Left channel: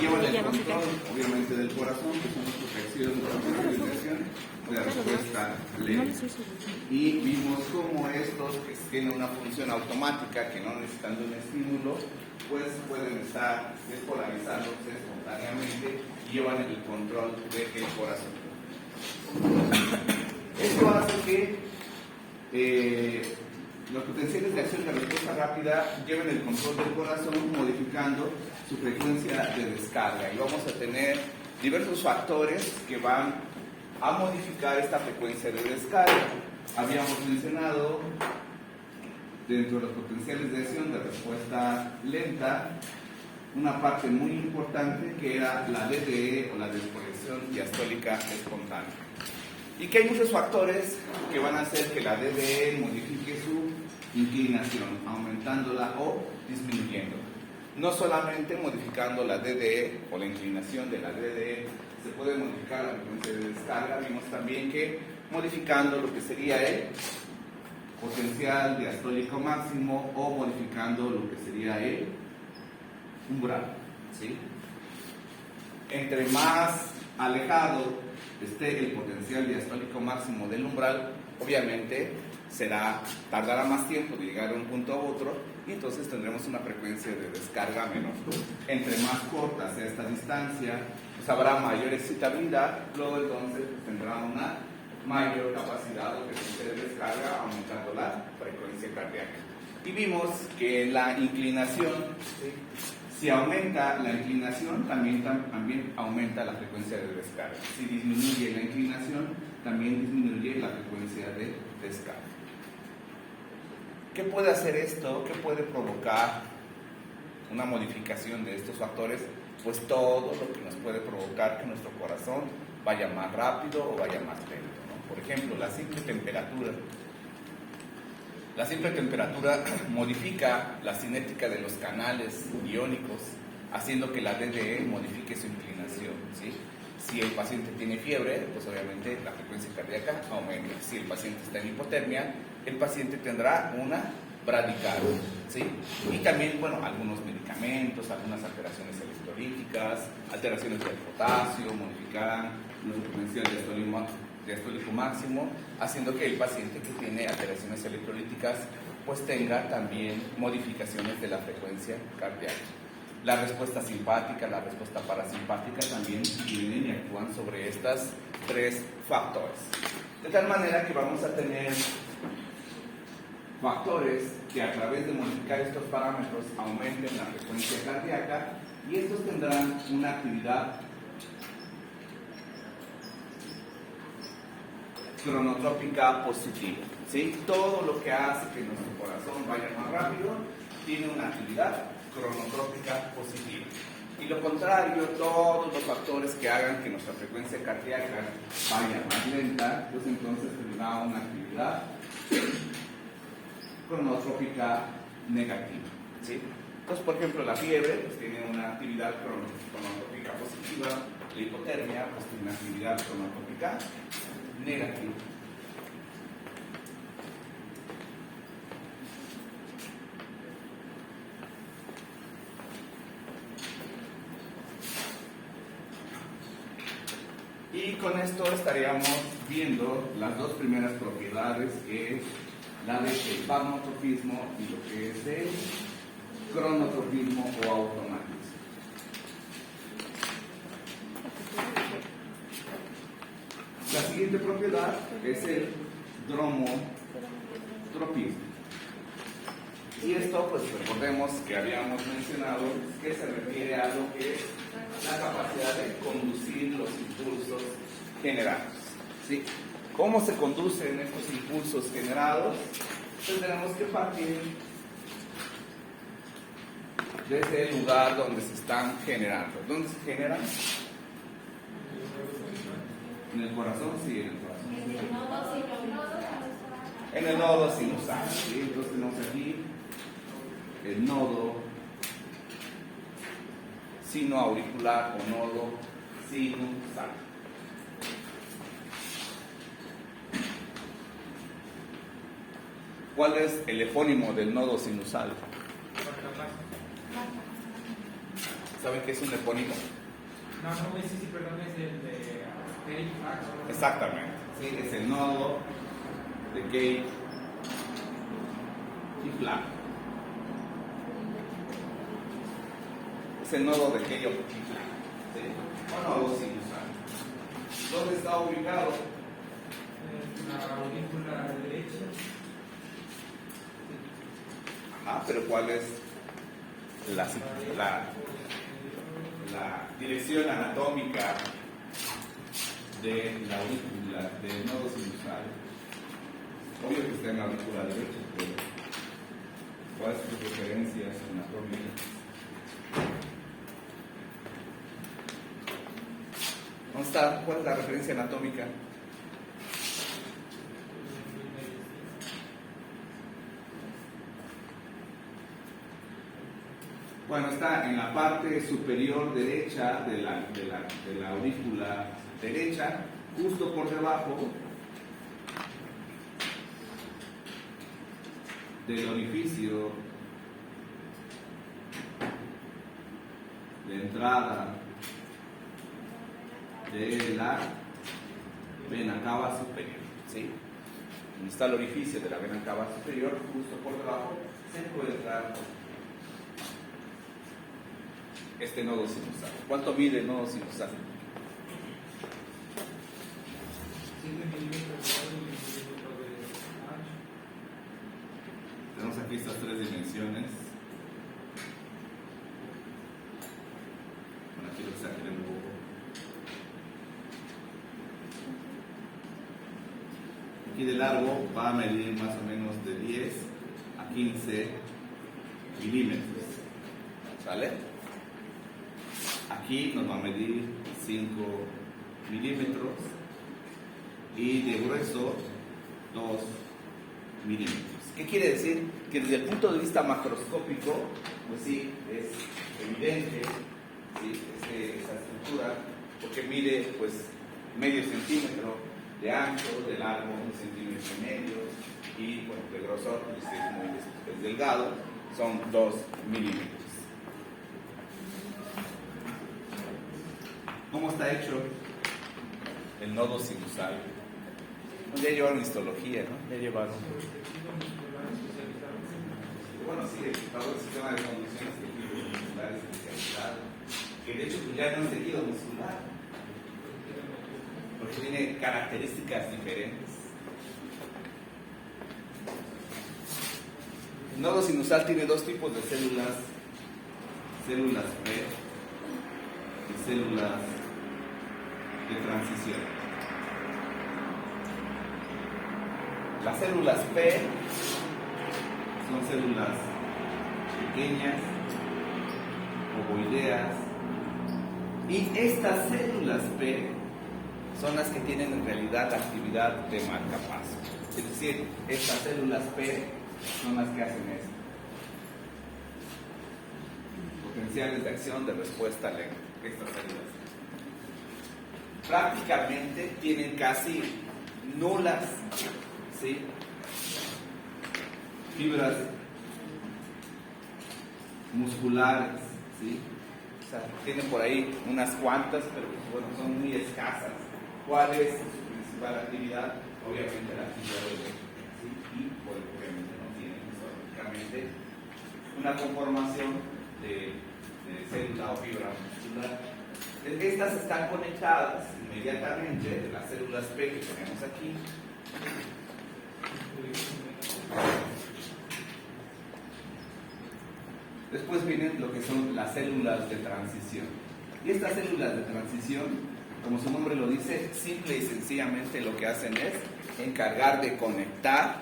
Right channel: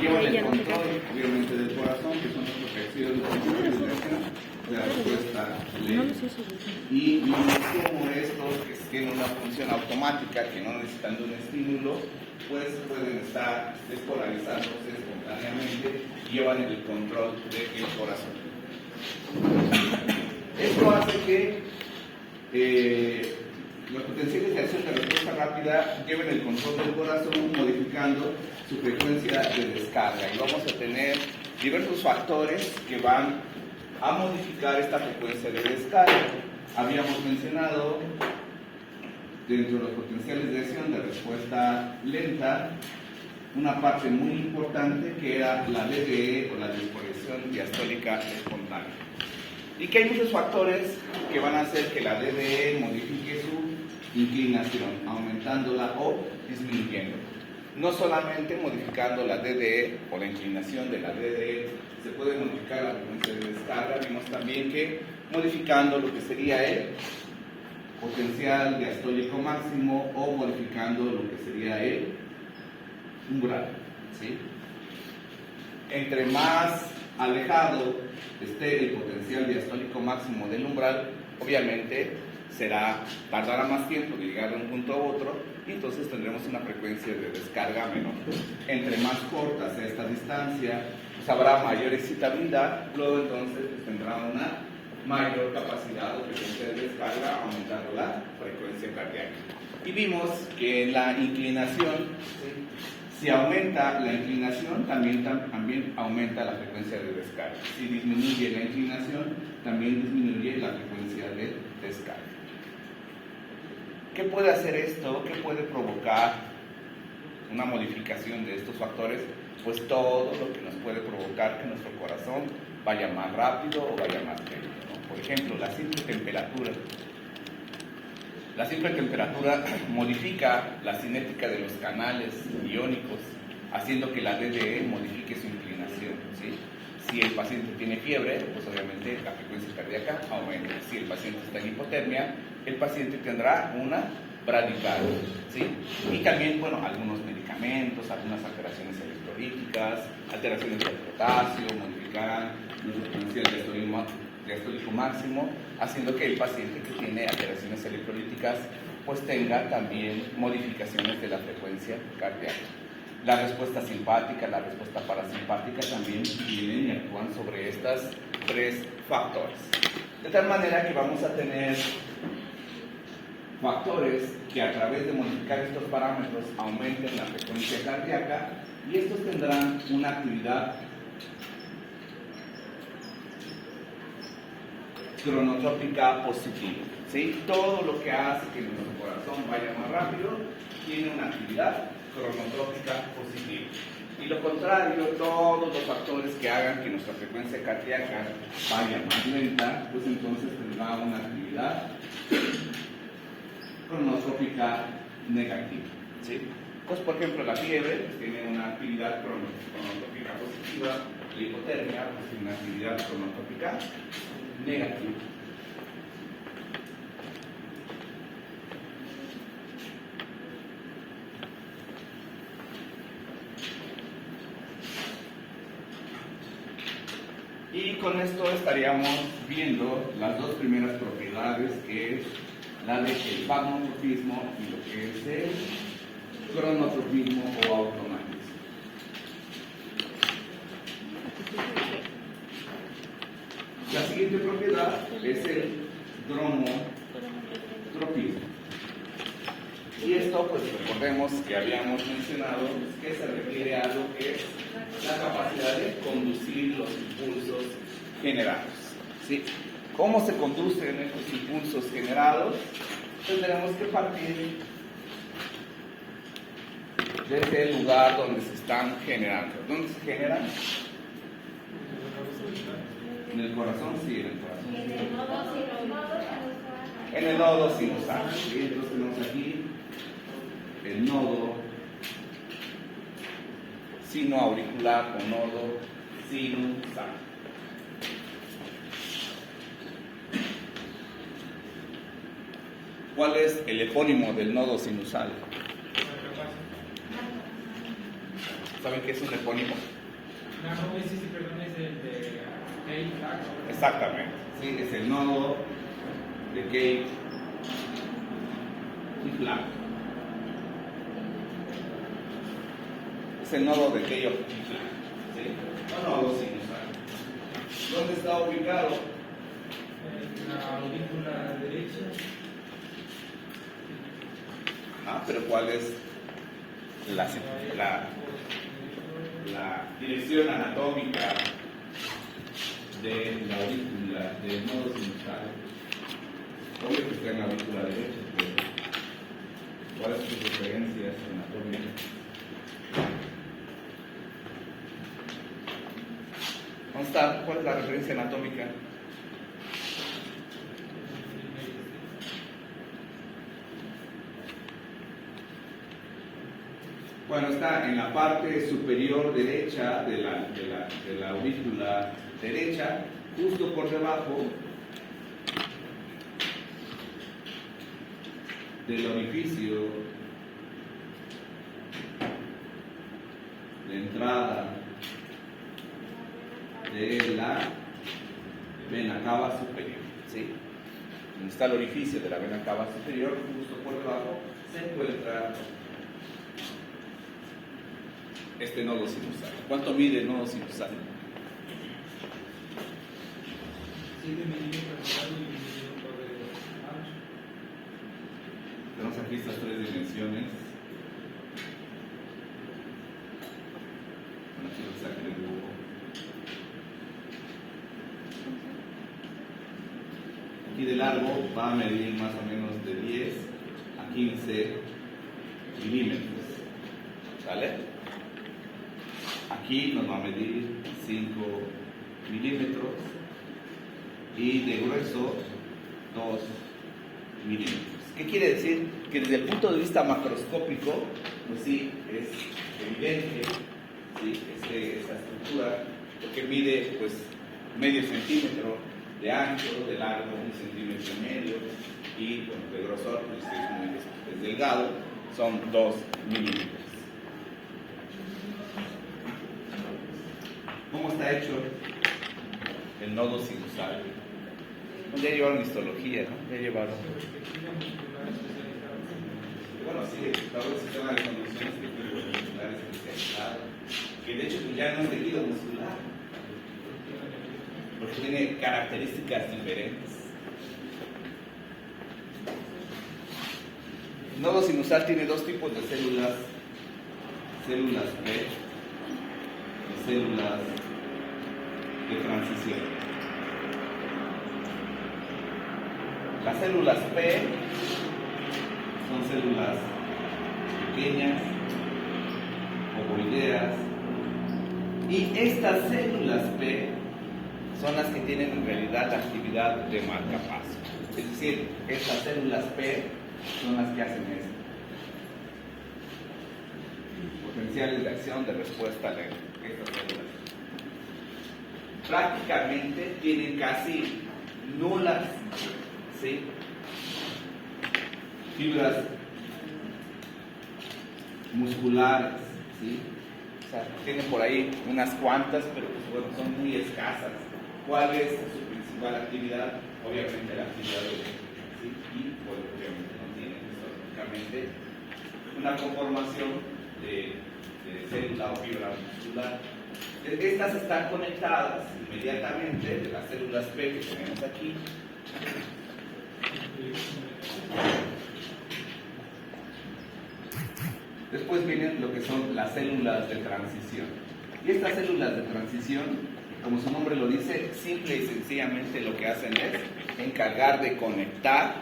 llevan el control, obviamente, del corazón, que son los tejidos de circulación, de la respuesta lenta. Y vimos cómo estos, que tienen una función automática, que no necesitan de un estímulo, pues pueden estar despolarizándose espontáneamente y llevan el control del corazón. Esto hace que los potenciales de acción de respuesta rápida lleven el control del corazón modificando su frecuencia de descarga. Y vamos a tener diversos factores que van a modificar esta frecuencia de descarga. Habíamos mencionado dentro de los potenciales de acción de respuesta lenta una parte muy importante que era la DDE o la disposición diastólica espontánea. Y que hay muchos factores que van a hacer que la DDE modifique su inclinación, aumentándola o disminuyendo. No solamente modificando la DDE o la inclinación de la DDE se puede modificar la frecuencia de descarga, vimos también que modificando lo que sería el potencial diastólico máximo o modificando lo que sería el umbral, ¿sí? Entre más alejado esté el potencial diastólico máximo del umbral, obviamente tardará más tiempo de llegar de un punto a otro y entonces tendremos una frecuencia de descarga menor. Entre más corta sea esta distancia, pues habrá mayor excitabilidad, luego entonces pues tendrá una mayor capacidad o frecuencia de descarga, aumentando la frecuencia cardíaca. Y vimos que la inclinación, si aumenta la inclinación, también aumenta la frecuencia de descarga. Si disminuye la inclinación, también disminuye la frecuencia de descarga. ¿Qué puede hacer esto? ¿Qué puede provocar una modificación de estos factores? Pues todo lo que nos puede provocar que nuestro corazón vaya más rápido o vaya más lento, ¿no? Por ejemplo, la simple temperatura. La simple temperatura modifica la cinética de los canales iónicos, haciendo que la DDE modifique su inclinación, ¿sí? Si el paciente tiene fiebre, pues obviamente la frecuencia cardíaca aumenta. Si el paciente está en hipotermia, el paciente tendrá una bradicardia, ¿sí? Y también, bueno, algunos medicamentos, algunas alteraciones electrolíticas, alteraciones del potasio, modificarán el potencial diastólico máximo, haciendo que el paciente que tiene alteraciones electrolíticas pues tenga también modificaciones de la frecuencia cardíaca. La respuesta simpática, la respuesta parasimpática también vienen y actúan sobre estas tres factores. De tal manera que vamos a tener factores que a través de modificar estos parámetros aumenten la frecuencia cardíaca y estos tendrán una actividad cronotrópica positiva, ¿sí? Todo lo que hace que nuestro corazón vaya más rápido tiene una actividad cronotrópica positiva. Y lo contrario, todos los factores que hagan que nuestra frecuencia cardíaca vaya más lenta, pues entonces tendrá una actividad cronotrópica negativa, ¿sí? Entonces, por ejemplo, la fiebre pues, tiene una actividad cronotrópica positiva, la hipotermia pues, tiene una actividad cronotrópica negativa. Y con esto estaríamos viendo las dos primeras propiedades, que es la del pagnotropismo y lo que es el cronotropismo o automatismo. La siguiente propiedad es el dromotropismo. Y esto, pues recordemos que habíamos mencionado que se refiere a lo que es la capacidad de conducir los impulsos generados, ¿sí? ¿Cómo se conducen estos impulsos generados? Pues tenemos que partir desde el lugar donde se están generando. ¿Dónde se generan? En el corazón, sí, en el corazón. En el nodo sinusal, ¿sí? Entonces tenemos aquí el nodo sinoauricular o nodo sinusal. ¿Cuál es el epónimo del nodo sinusal? ¿Saben qué es un epónimo? No, sí, perdón, es el de Gate Flag. Exactamente, sí, es el nodo de Gate y Flag. Es el nodo de Gate y Flag, ¿sí? O nodo sinusal. ¿Dónde está ubicado? En la aurícula derecha. Ah, pero ¿cuál es la dirección anatómica de la aurícula, del nodo sinusal? Obvio que está en la aurícula derecha, pero ¿cuáles son sus referencias anatómicas? ¿Dónde está? ¿Cuál es la referencia anatómica? Bueno, está en la parte superior derecha de la aurícula derecha, justo por debajo del orificio de entrada de la vena cava superior, ¿sí? Donde está el orificio de la vena cava superior, justo por debajo, se encuentra este nodo sinusal. ¿Cuánto mide el nodo sinusal? 7 milímetros de largo y 1 milímetro de ancho. Tenemos aquí estas tres dimensiones. Bueno, aquí lo que saque el dibujo. Aquí de largo va a medir más o menos de 10 a 15 milímetros. ¿Vale? Aquí nos va a medir 5 milímetros y de grueso 2 milímetros. ¿Qué quiere decir? Que desde el punto de vista macroscópico, pues sí, es evidente, ¿sí? Esta estructura, porque mide pues medio centímetro de ancho, de largo 1 centímetro y medio, y bueno, de grosor, pues es muy delgado, son 2 milímetros. ¿Cómo está hecho el nodo sinusal? Ya llevaron histología, ¿no? Ya llevaron. Bueno, sí, todo el sistema de conducción es tejido muscular especializado, que de hecho pues, ya no es tejido muscular, porque tiene características diferentes. El nodo sinusal tiene dos tipos de células, células P y células de transición. Las células P son células pequeñas, ovoideas, y estas células P son las que tienen en realidad la actividad de marcapaso. Es decir, estas células P son las que hacen esto. Potenciales de acción, de respuesta a estas células. Prácticamente tienen casi nulas, ¿sí?, fibras musculares, ¿sí? O sea, tienen por ahí unas cuantas, pero pues, bueno, son muy escasas. ¿Cuál es su principal actividad? Obviamente la actividad de ¿sí? Y por ejemplo, no tienen prácticamente una conformación de célula o fibra muscular. Estas están conectadas inmediatamente de las células P que tenemos aquí. Después vienen lo que son las células de transición. Y estas células de transición, como su nombre lo dice, simple y sencillamente lo que hacen es encargar de conectar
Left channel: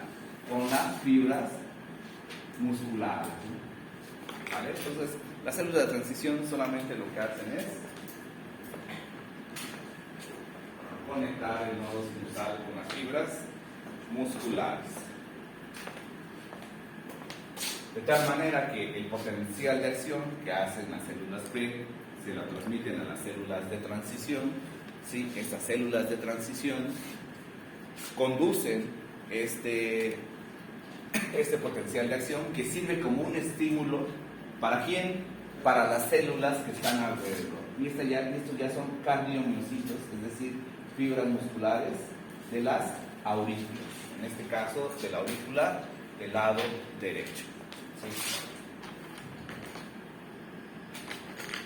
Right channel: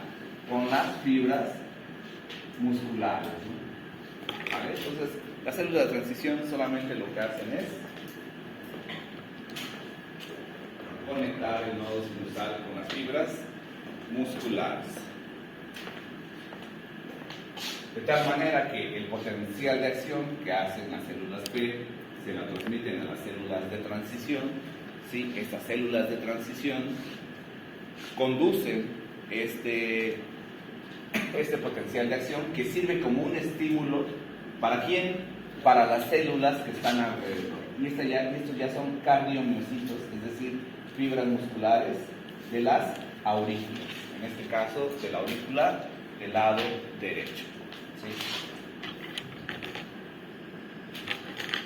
con las fibras musculares. ¿Vale? Entonces, las células de transición solamente lo que hacen es conectar el nodo sinusal con las fibras musculares. De tal manera que el potencial de acción que hacen las células P se la transmiten a las células de transición, ¿sí? Estas células de transición conducen este potencial de acción que sirve como un estímulo. ¿Para quién? para las células que están alrededor. Y estos ya son cardiomiocitos, es decir, fibras musculares de las aurículas. En este caso, de la aurícula del lado derecho. ¿Sí?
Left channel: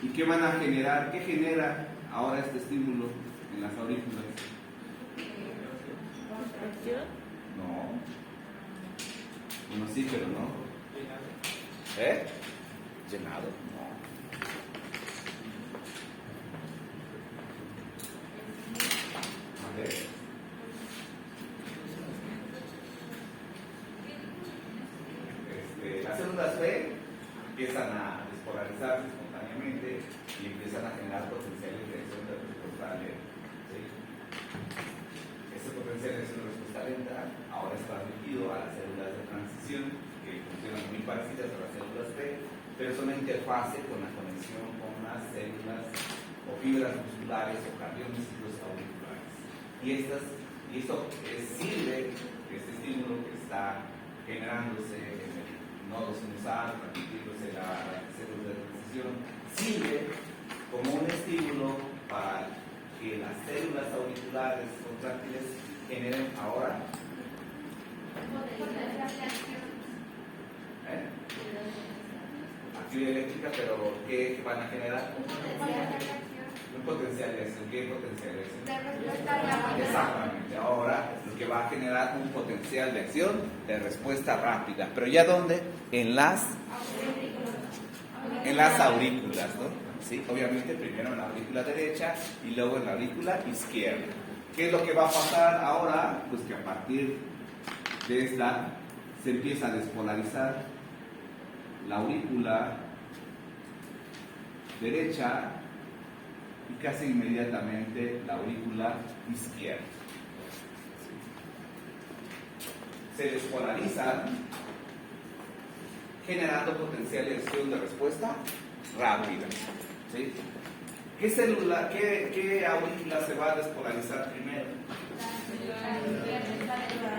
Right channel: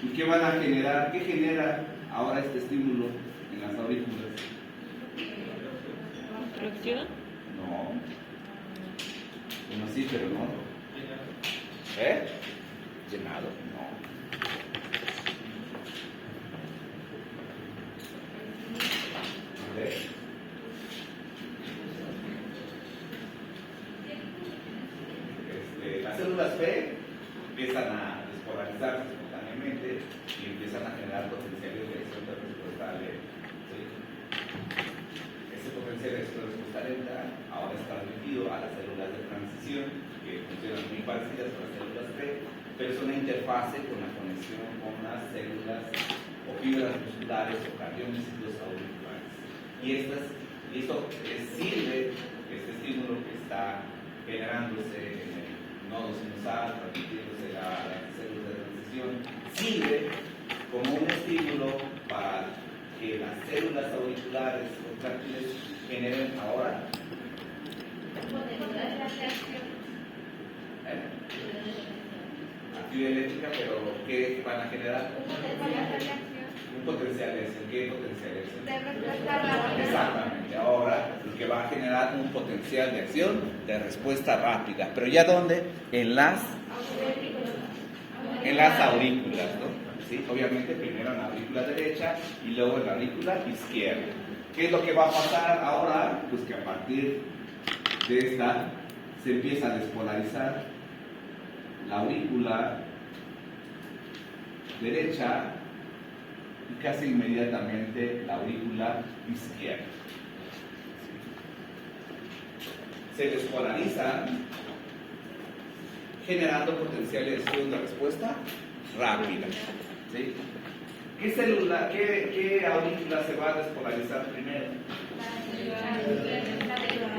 ¿Y qué van a generar? ¿Qué genera ahora este estímulo en las aurículas? ¿Contracción? No. Bueno, sí, pero no. ¿Eh? Llenado, no. A ver. Las células B empiezan a despolarizarse espontáneamente y empiezan a generar potenciales de acción de respuesta lenta. ¿Sí? Ese potencial de acción de respuesta lenta ahora está dirigido a las células de transición, que funcionan muy parecidas a las células B, pero es una interfase con la conexión con las células o fibras musculares o cardiomiocitos auriculares. Y esto sirve, este estímulo que está generándose en el nodo sinusal, transmitiéndose a la célula de transición, sirve como un estímulo para que las células auriculares contráctiles generen ahora actividad eléctrica, pero ¿qué van a generar? Un potencial de acción. ¿Qué potencial de acción? Exactamente. Ahora lo que va a generar un potencial de acción de respuesta rápida. ¿Pero ya dónde? En las aurículas, ¿no? Sí, obviamente primero en la aurícula derecha y luego en la aurícula izquierda. ¿Qué es lo que va a pasar ahora? Pues que a partir de esta se empieza a despolarizar la aurícula derecha y casi inmediatamente la aurícula izquierda. Se despolarizan generando potenciales de acción de respuesta rápida. ¿Sí? ¿Qué célula, qué aurícula se va a despolarizar primero?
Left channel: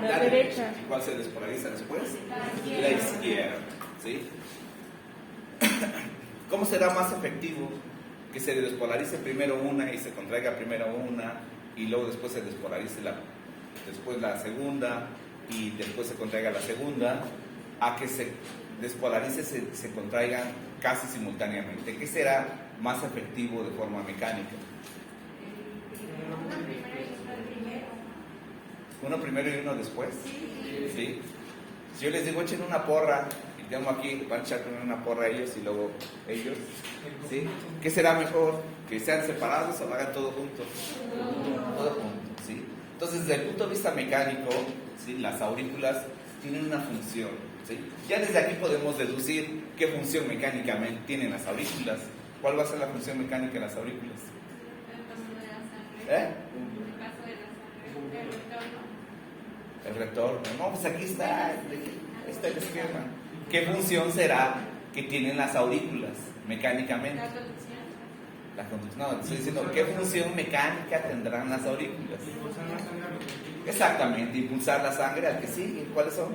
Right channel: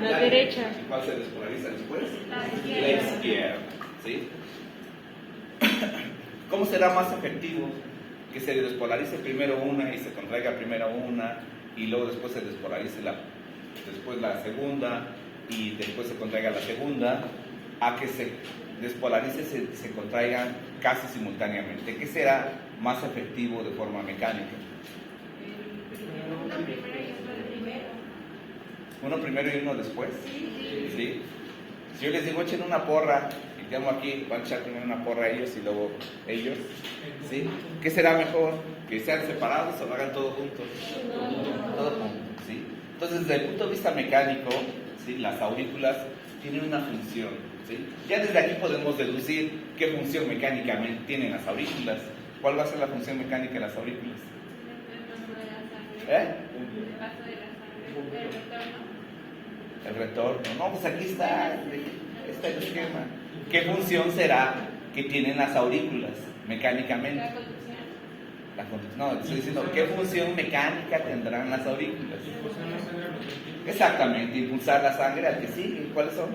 La derecha. ¿Cuál se despolariza después? La izquierda. ¿Sí? ¿Cómo será más efectivo que se despolarice primero una y se contraiga primero una y luego después se despolarice después la segunda y después se contraiga la segunda, a que se despolarice se contraigan casi simultáneamente? ¿Qué será más efectivo de forma mecánica? ¿Uno primero y uno después? ¿Sí? Si yo les digo echen una porra y tengo aquí, van a echar primero una porra ellos y luego ellos, ¿sí? ¿Qué será mejor? ¿Que sean separados o lo hagan todo juntos? Todo juntos, ¿sí? Entonces, desde el punto de vista mecánico, ¿sí? Las aurículas tienen una función, ¿sí? Ya desde aquí podemos deducir qué función mecánicamente tienen las aurículas. ¿Cuál va a ser la función mecánica de las aurículas? ¿Eh? El retorno. No, pues aquí está el esquema. ¿Qué función será que tienen las aurículas mecánicamente? La conducción. No, estoy diciendo, ¿qué función mecánica tendrán las aurículas? Exactamente, impulsar la sangre al que sigue. ¿Cuáles son?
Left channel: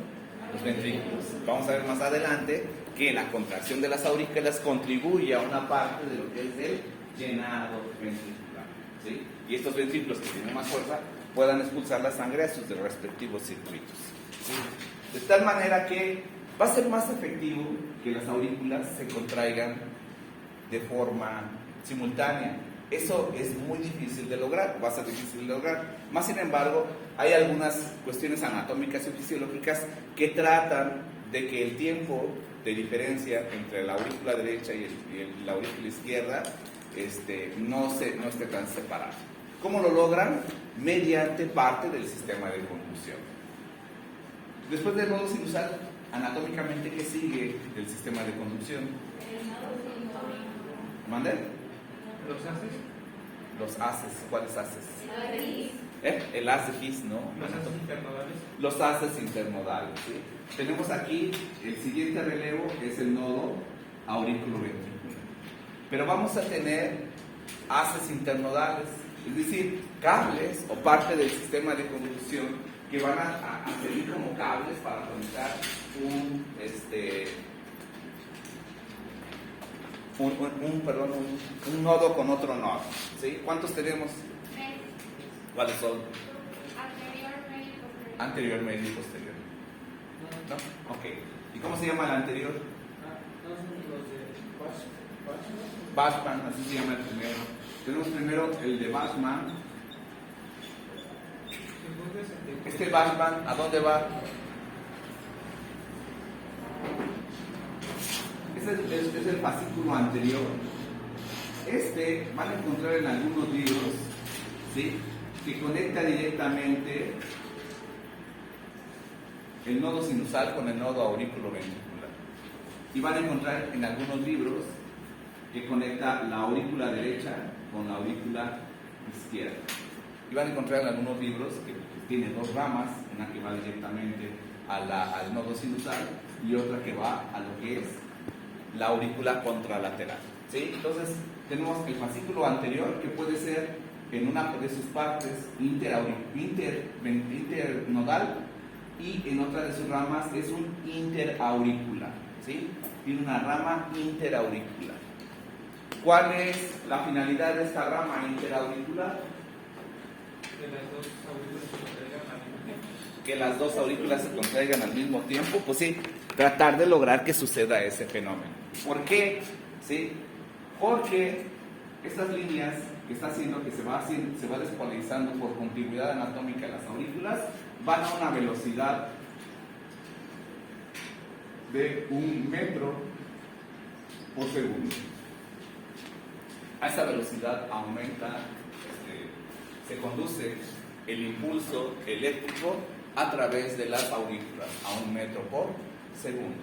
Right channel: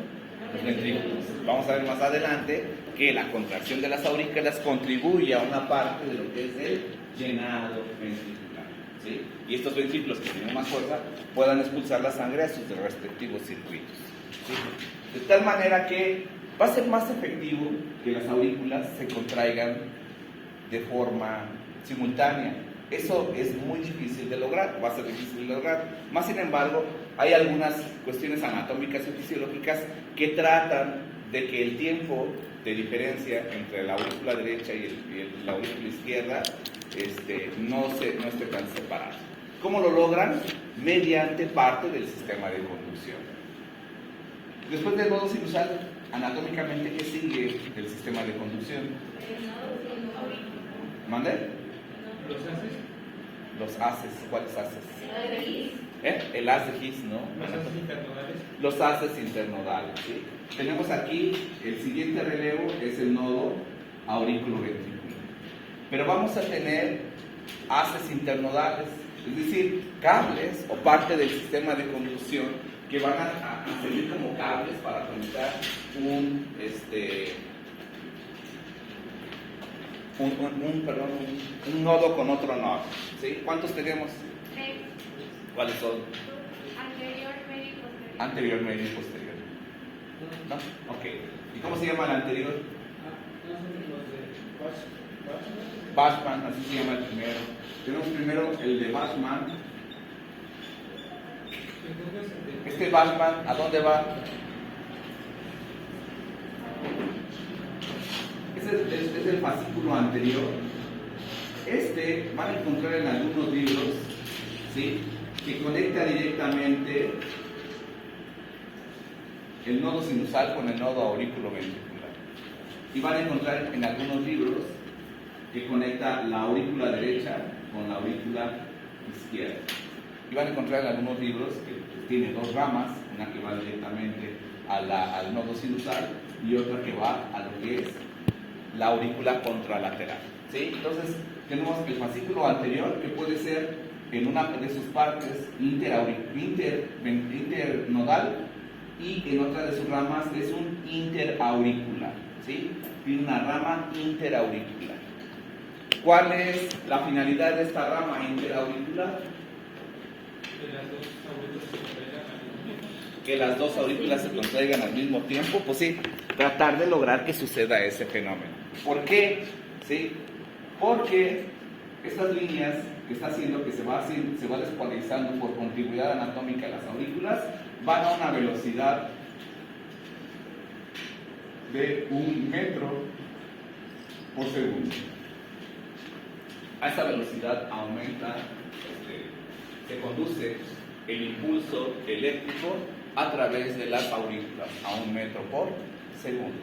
Los ventrículos. Vamos a ver más adelante que la contracción de las aurículas contribuye a una parte de lo que es el llenado ventricular, ¿sí? Y estos ventrículos que tienen más fuerza puedan expulsar la sangre a sus respectivos circuitos, ¿sí? De tal manera que va a ser más efectivo que las aurículas se contraigan de forma simultánea. Eso es muy difícil de lograr, va a ser difícil de lograr. Más sin embargo, hay algunas cuestiones anatómicas y fisiológicas que tratan de que el tiempo de diferencia entre la aurícula derecha y la aurícula izquierda no esté tan separado. ¿Cómo lo logran? Mediante parte del sistema de conducción. Después del nodo sinusal, anatómicamente, ¿qué sigue del sistema de conducción? ¿Mande? ¿Los haces? Los haces. ¿Cuáles haces? El haz de His, ¿no? ¿Los haces internodales? Los haces internodales, ¿sí? Tenemos aquí el siguiente relevo, que es el nodo aurículo-ventrículo. Pero vamos a tener haces internodales, es decir, cables o parte del sistema de conducción que van a servir como cables para conectar un nodo con otro nodo. ¿Sí? ¿Cuántos tenemos? Tres. ¿Cuáles son? Anterior, medio y posterior. Anterior, medio y posterior. ¿No? Ok. ¿Y cómo se llama el anterior? Todos los de Batchman. Bachman, así se llama el primero. Tenemos primero el de Bachman. Este Bachman, ¿a dónde va? Es el fascículo anterior. Este van a encontrar en algunos libros, ¿sí?, que conecta directamente el nodo sinusal con el nodo aurículo-ventricular. Y van a encontrar en algunos libros que conecta la aurícula derecha con la aurícula izquierda. Y van a encontrar en algunos libros que tiene dos ramas, una que va directamente al nodo sinusal y otra que va a lo que es la aurícula contralateral. ¿Sí? Entonces tenemos el fascículo anterior, que puede ser en una de sus partes internodal, y en otra de sus ramas es un interauricular. ¿Sí? Tiene una rama interauricular. ¿Cuál es la finalidad de esta rama interauricular? Que las dos aurículas se contraigan al mismo Que las dos aurículas se contraigan al mismo tiempo. tiempo, pues sí, tratar de lograr que suceda ese fenómeno. ¿Por qué? ¿Sí? Porque estas líneas que está haciendo que se va despolarizando por contigüidad anatómica las aurículas van a una velocidad de 1 metro por segundo. A esa velocidad aumenta, se conduce el impulso eléctrico a través de las aurículas a 1 metro por segundo.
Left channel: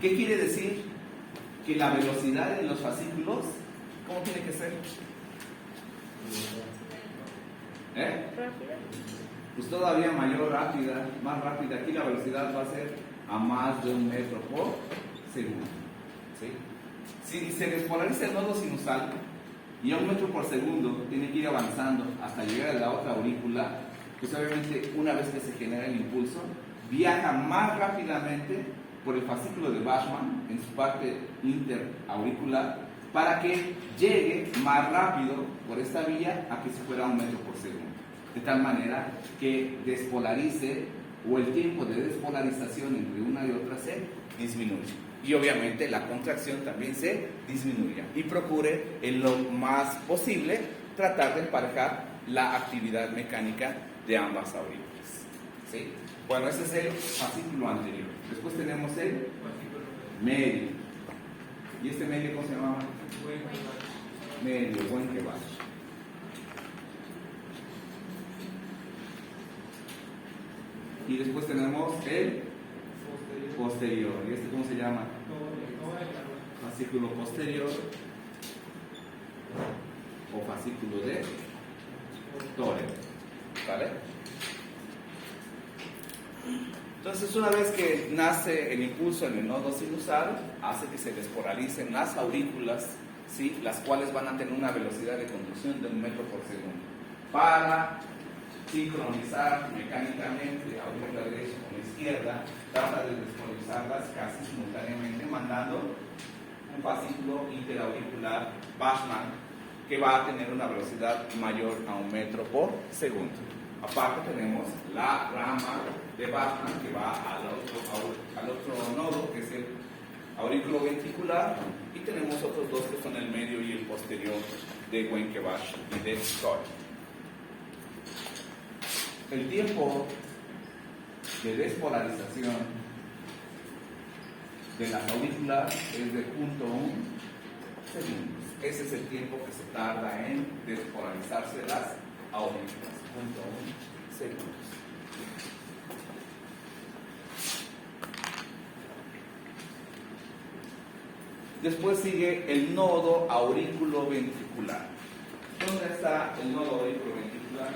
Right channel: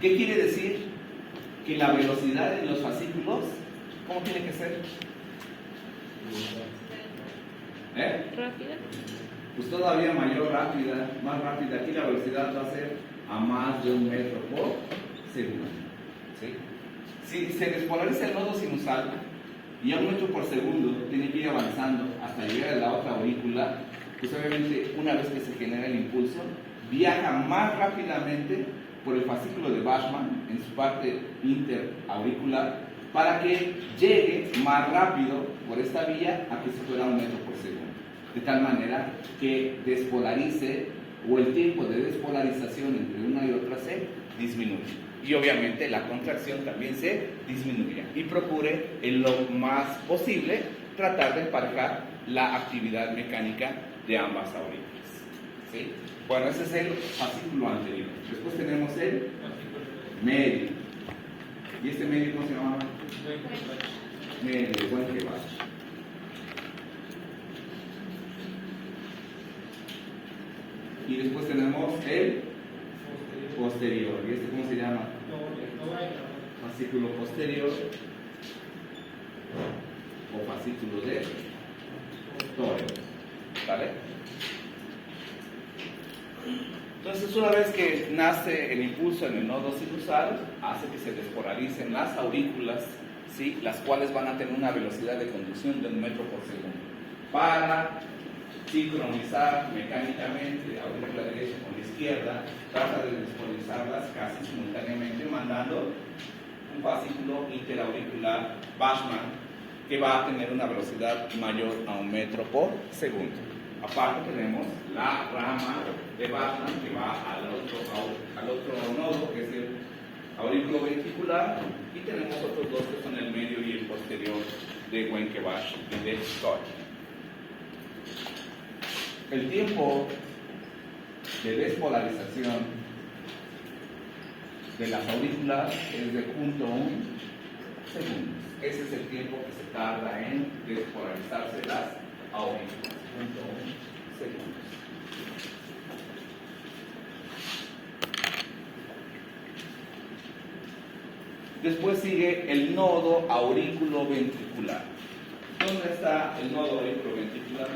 ¿Qué quiere decir? Que la velocidad en los fascículos, ¿cómo tiene que ser? Rápida. Pues todavía mayor, rápida, más rápida. Aquí la velocidad va a ser a más de 1 metro por segundo. ¿Sí? Si se despolariza el nodo sinusal y a 1 metro por segundo tiene que ir avanzando hasta llegar a la otra aurícula, pues obviamente una vez que se genera el impulso, viaja más rápidamente por el fascículo de Bachman en su parte interauricular para que llegue más rápido por esta vía a que si fuera 1 metro por segundo. De tal manera que despolarice, o el tiempo de despolarización entre una y otra se disminuye. Y obviamente la contracción también se disminuye. Y procure en lo más posible tratar de emparejar la actividad mecánica de ambas aurículas. ¿Sí? Bueno, ese es el fascículo anterior. Después tenemos el medio. ¿Y este medio cómo se llama? Medio, buen que va. Y después tenemos el posterior. ¿Y este cómo se llama? Fascículo posterior o fascículo de Torre. ¿Vale? Entonces, una vez que nace el impulso en el nodo sinusal, hace que se despolalicen las aurículas, ¿sí?, las cuales van a tener una velocidad de conducción de 1 metro por segundo. Para sincronizar mecánicamente la aurícula derecha con la izquierda, trata de despolarizarlas casi simultáneamente, mandando un fascículo interauricular Bachman que va a tener una velocidad mayor a 1 metro por segundo. Aparte tenemos la rama de Bachman que va al otro nodo, que es el aurículo ventricular, y tenemos otros dos que son el medio y el posterior de Wenckebach y de Scott. El tiempo de despolarización de las aurículas es de 0.1 segundos. Ese es el tiempo que se tarda en despolarizarse las aurículas. 0.1 segundos. Después sigue el nodo aurículo-ventricular. ¿Dónde está el nodo aurículo-ventricular?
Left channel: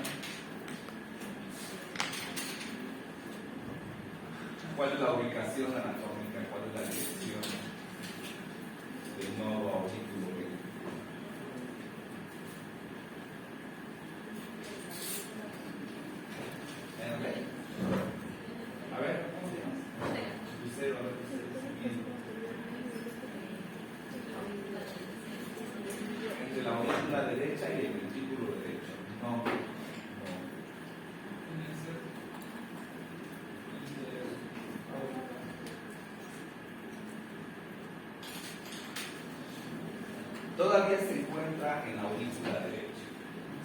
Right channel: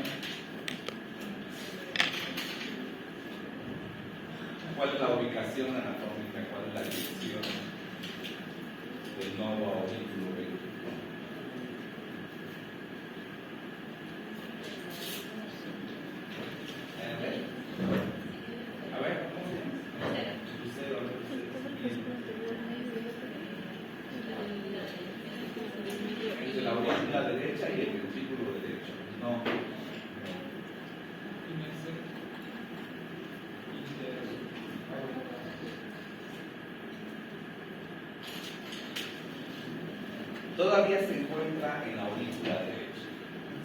¿Cuál es la ubicación anatómica? ¿Cuál es la dirección del nodo aurículo-ventricular? A ver, ¿cómo se llama? todavía se encuentra en la aurícula derecha,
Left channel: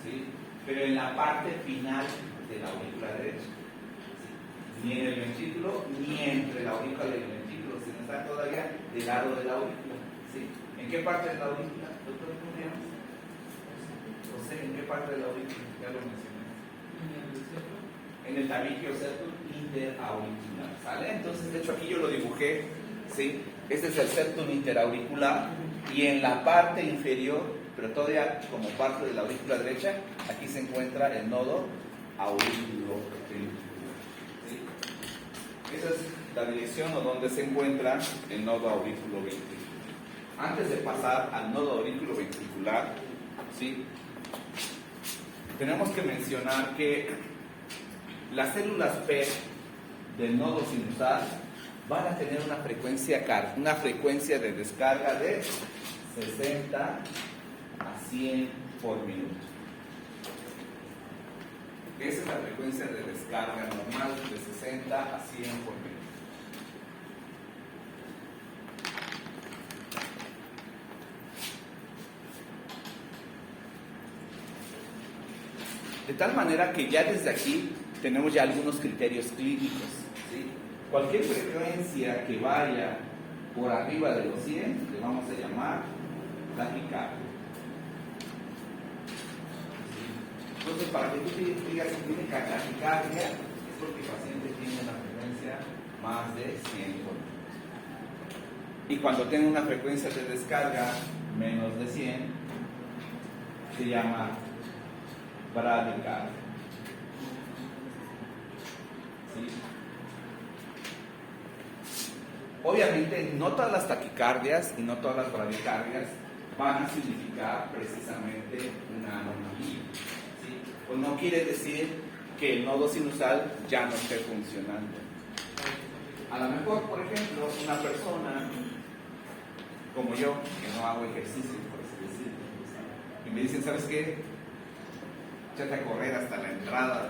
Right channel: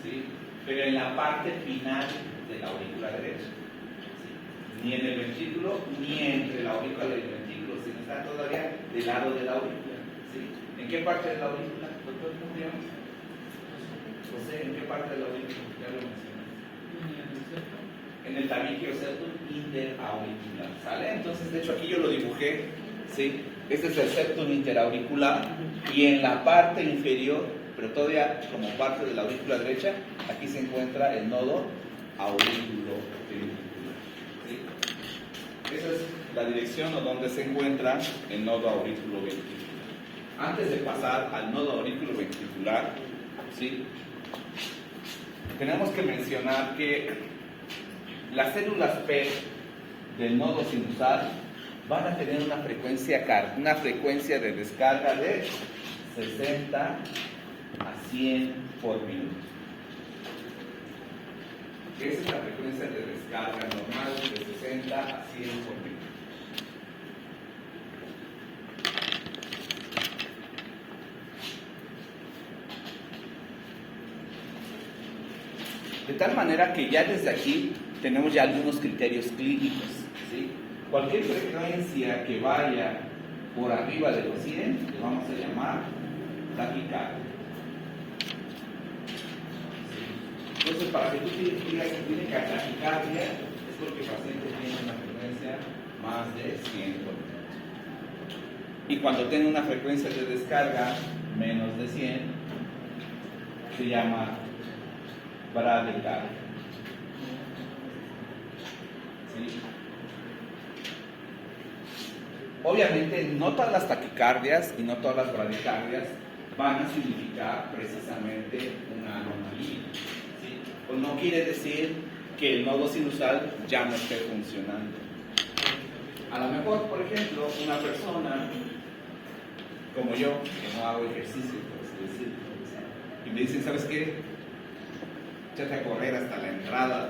¿sí? Pero en la parte final de la aurícula derecha, ¿sí? Ni en el ventrículo, ni entre la aurícula y el ventrículo, sino está todavía del lado de la aurícula, ¿sí? ¿En qué parte de la aurícula, doctor? ¿Cómo se llama? José, ¿en qué parte de la aurícula? Ya lo mencioné. En el tabique septum interauricular, ¿sale? Entonces, de hecho, aquí yo lo dibujé, ¿sí? Este es el septum interauricular y en la parte inferior, pero todavía como parte de la aurícula derecha, aquí se encuentra el nodo auriculoventricular, ¿sí? Esa es la dirección o donde se encuentra el nodo auriculoventricular. Antes de pasar al nodo auriculoventricular, ¿sí? Tenemos que mencionar que las células P del nodo sinusal van a tener una frecuencia de descarga de 60 a 100 por minuto. Esa es la frecuencia de descarga normal de 60 a 100 por minuto. De tal manera que ya desde aquí tenemos ya algunos criterios clínicos, ¿sí? Cualquier frecuencia que vaya por arriba de los 100 le vamos a llamar taquicardia. ¿Sí? Entonces, para que tú digas que tiene taquicardia es porque el paciente tiene una frecuencia más de 100 por minuto. Y cuando tiene una frecuencia de descarga menos de 100 se llama bradicardia. ¿Sí? Obviamente no todas las taquicardias y no todas las bradicardias van a significar precisamente una anomalía, ¿sí? Pues no quiere decir que el nodo sinusal ya no esté funcionando. A lo mejor, por ejemplo, una persona como yo, que no hago ejercicio, por así decirlo, y me dicen, ¿sabes qué? Échate a correr hasta la entrada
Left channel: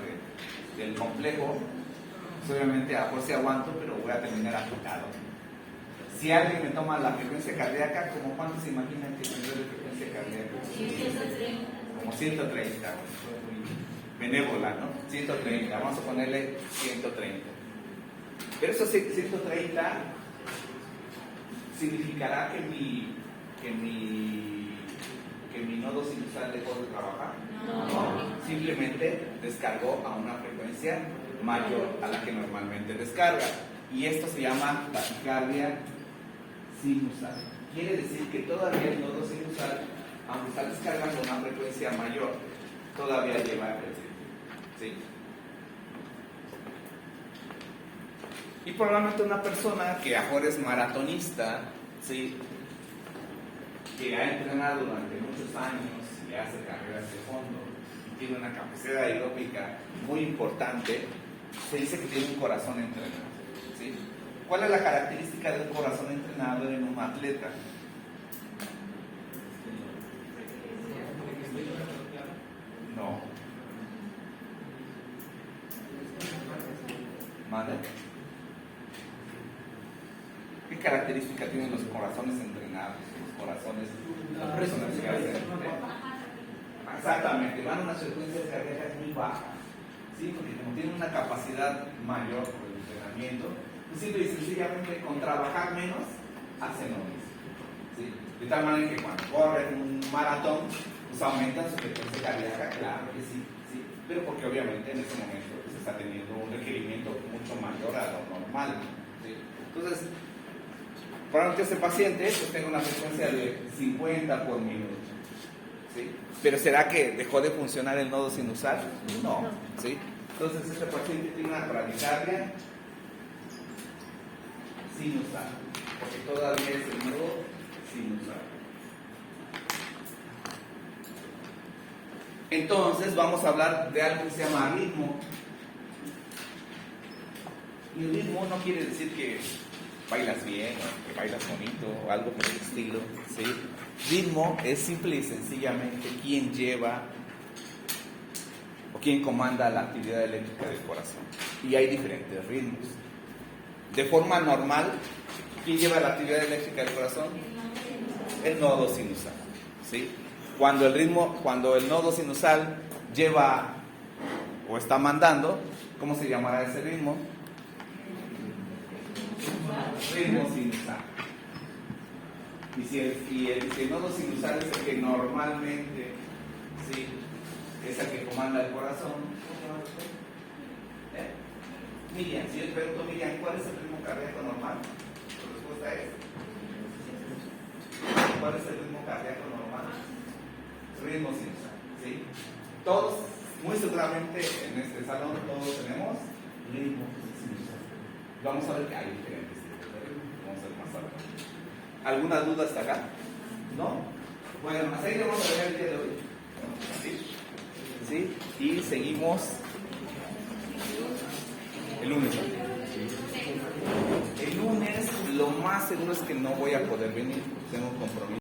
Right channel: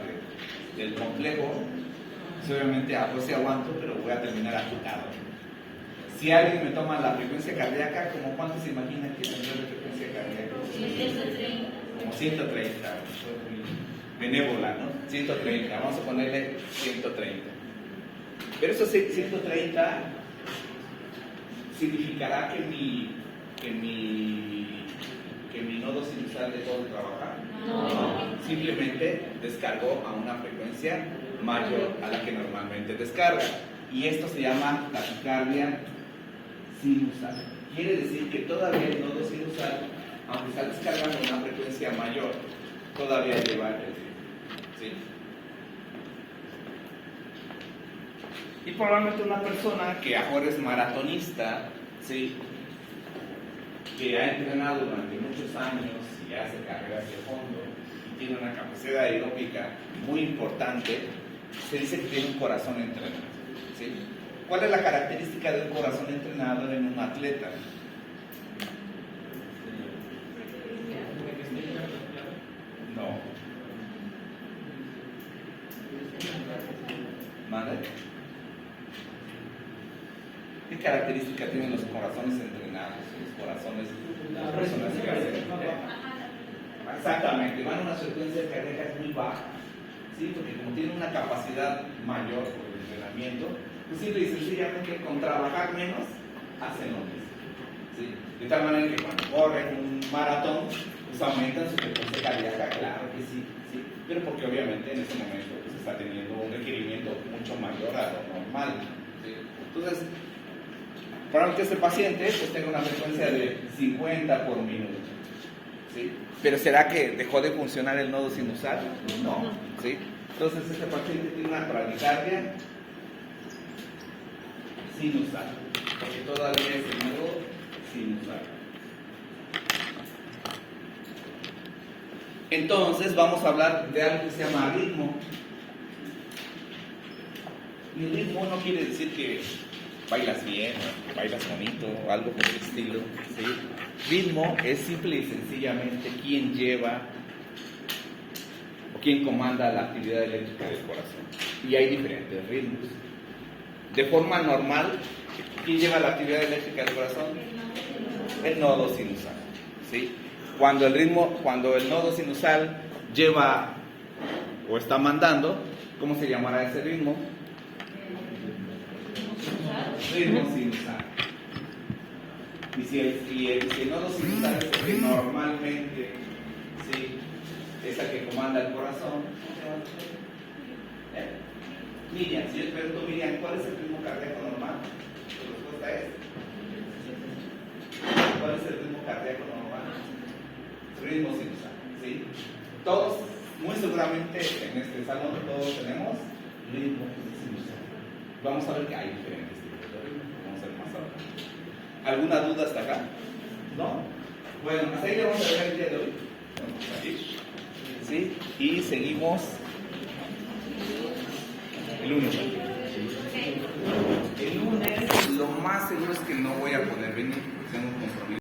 del complejo. Pues obviamente a fuerza aguanto, pero voy a terminar agotado. Si alguien me toma la frecuencia cardíaca, ¿como cuánto se imaginan que tendrá de frecuencia cardíaca? 130. Como 130, benévola, ¿no? 130, vamos a ponerle 130. Pero esos 130 significará que mi nodo sinusal dejó de trabajar. No. Simplemente descargó a una frecuencia mayor a la que normalmente descarga. Y esto se llama taquicardia sinusal. Quiere decir que todavía el nodo sinusal, aunque está descargando a una frecuencia mayor, todavía lleva el ritmo. ¿Sí? Y probablemente una persona que ahora es maratonista, ¿sí? Que ha entrenado durante muchos años y hace carreras de fondo y tiene una capacidad aeróbica muy importante, se dice que tiene un corazón entrenado, ¿sí? ¿Cuál es la característica de un corazón entrenado en un atleta? No. ¿Mande? ¿Qué característica tienen los corazones entrenados? Los corazones de las personas que hacen. Exactamente, van a unas frecuencias cardíacas muy bajas, ¿sí? Porque como tienen una capacidad mayor por el entrenamiento, pues simple y sencillamente con trabajar menos hacen lo mismo, ¿sí? De tal manera que cuando corren un maratón, pues aumentan su frecuencia cardíaca, claro que sí, ¿sí? Pero porque obviamente en ese momento pues está teniendo un requerimiento mucho mayor a lo normal, ¿sí? Entonces, probablemente este paciente pues tenga una frecuencia de 50 por minuto, ¿sí? Pero ¿será que dejó de funcionar el nodo sinusal? No, ¿sí? Entonces este paciente tiene una bradicardia sinusal, porque todavía es el nodo sinusal. Entonces vamos a hablar de algo que se llama ritmo. Y ritmo no quiere decir que bailas bien o que bailas bonito o algo por el estilo, ¿sí? Ritmo es simple y sencillamente quién lleva o quién comanda la actividad eléctrica del corazón. Y hay diferentes ritmos. De forma normal, ¿quién lleva la actividad eléctrica del corazón? El nodo sinusal. ¿sí? Cuando el nodo sinusal lleva o está mandando, ¿cómo se llamará ese ritmo? Ritmo sinusal. Y si el nodo sinusal es el que normalmente, ¿sí?, es el que comanda el corazón, Miriam, si yo pregunto, Miriam, ¿cuál es el ritmo cardíaco normal? Tu respuesta es, ¿cuál es el ritmo cardíaco normal? Ritmo sinusal, ¿sí? Todos, muy seguramente en este salón, todos tenemos ritmo sinusal. Vamos a ver que hay diferentes tipos de ritmo, vamos a ver más adelante. ¿Alguna duda hasta acá? ¿No? Bueno, hasta ahí le vamos a ver el día de hoy. ¿Sí? Y seguimos el lunes. El lunes lo más seguro es que no voy a poder venir.